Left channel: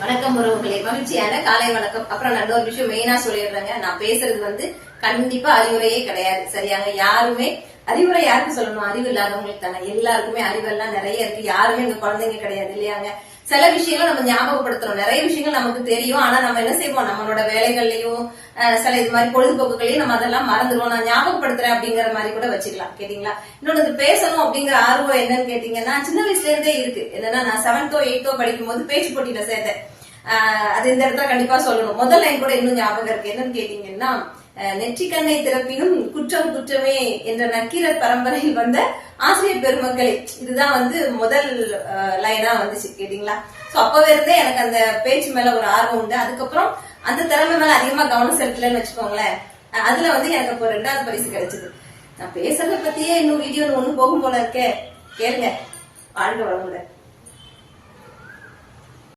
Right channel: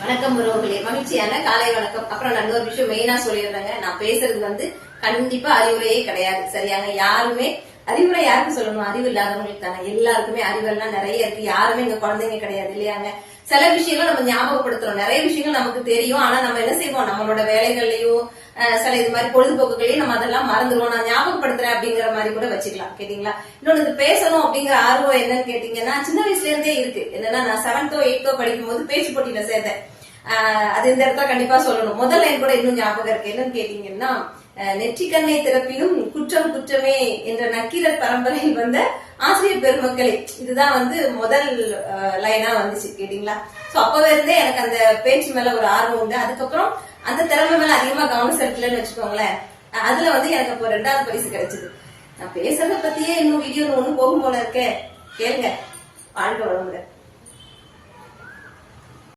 வணக்கம் உறவுகளே, மகிழ்ச்சியான காலை வணக்கம். அப்புறம் நான் இன்னொரு விஷயம் மெயினா சொல்லிடுறேங்க. நான் பேசுறது கண்டிப்பா அறிவுரையே கிடையாது, சரியாங்க? யாருமே அறிவுரை யாருக்கு சொல்லணும்? அறிவு இல்லாதவங்களுக்கு தானே. எல்லாருக்குமே அறிவெல்லாம் நிறைய இருக்கு. யாருமே எங்க குழந்தைங்க கிடையாது இல்லையாங்க? சில விஷயங்கள் நம்ம ஞாபகப்படுத்துறோம். நிறைய விஷயங்கள் நமக்கு தெரியும். ஆனா நம்ம என்ன செய்வோம்? நம்மளோட வேலைகள்லயும் சில இது மாதிரி பொழுதுபோக்குகளையும் நம்ம அதெல்லாம் மறந்துடுவோம். நான் ஞாபகப்படுத்துறேன் அப்படிங்கிற மாதிரி கூட வச்சுக்கலாம். கேட்டீங்களா? இன்னொன்னு பேசணும் அப்படிங்கிற ஆர்வம் என்னன்னு கேட்டீங்கன்னா, சின்ன வயசுல இருந்தே இருக்கு. என்னன்னா, நான் 7th 8th படிக்கும் போது பேச்சு போட்டியில சேர்த்தேன். அது இந்த இடத்துல கண்டிப்பா சொல்லணும். முதல் லைன் கூட இன்னும் ஞாபகம் இருக்கு. என்னன்னு கேட்டீங்கன்னா, நெற்றிக்கண்ணை திறப்பினும் குற்றம் குற்றமே என்ற நக்கீரர் பரம்பரையில் வந்த ஆசிரியர் பெருமக்களே, இதுதான் முதல் லைனா வந்துச்சு. கேட்டீங்களா? சோ அப்பவே இருந்தே எனக்கு அந்த பேச்சு மேல ஒரு ஆர்வம் உண்டு. அதுக்கப்புறம் அந்த திறமை மேல அதிகமா கவனம் செலுத்தலன்னு வச்சுக்கோங்களேன். அதுல எனக்கு இப்போ 2வது பரிசு கிடைச்சது. நான் பேசுறத பத்தியே இன்னும் வீடியோ ஒண்ணு போகும் போல இருக்கே. கேளுங்க. வாழ்க வளமுடன்.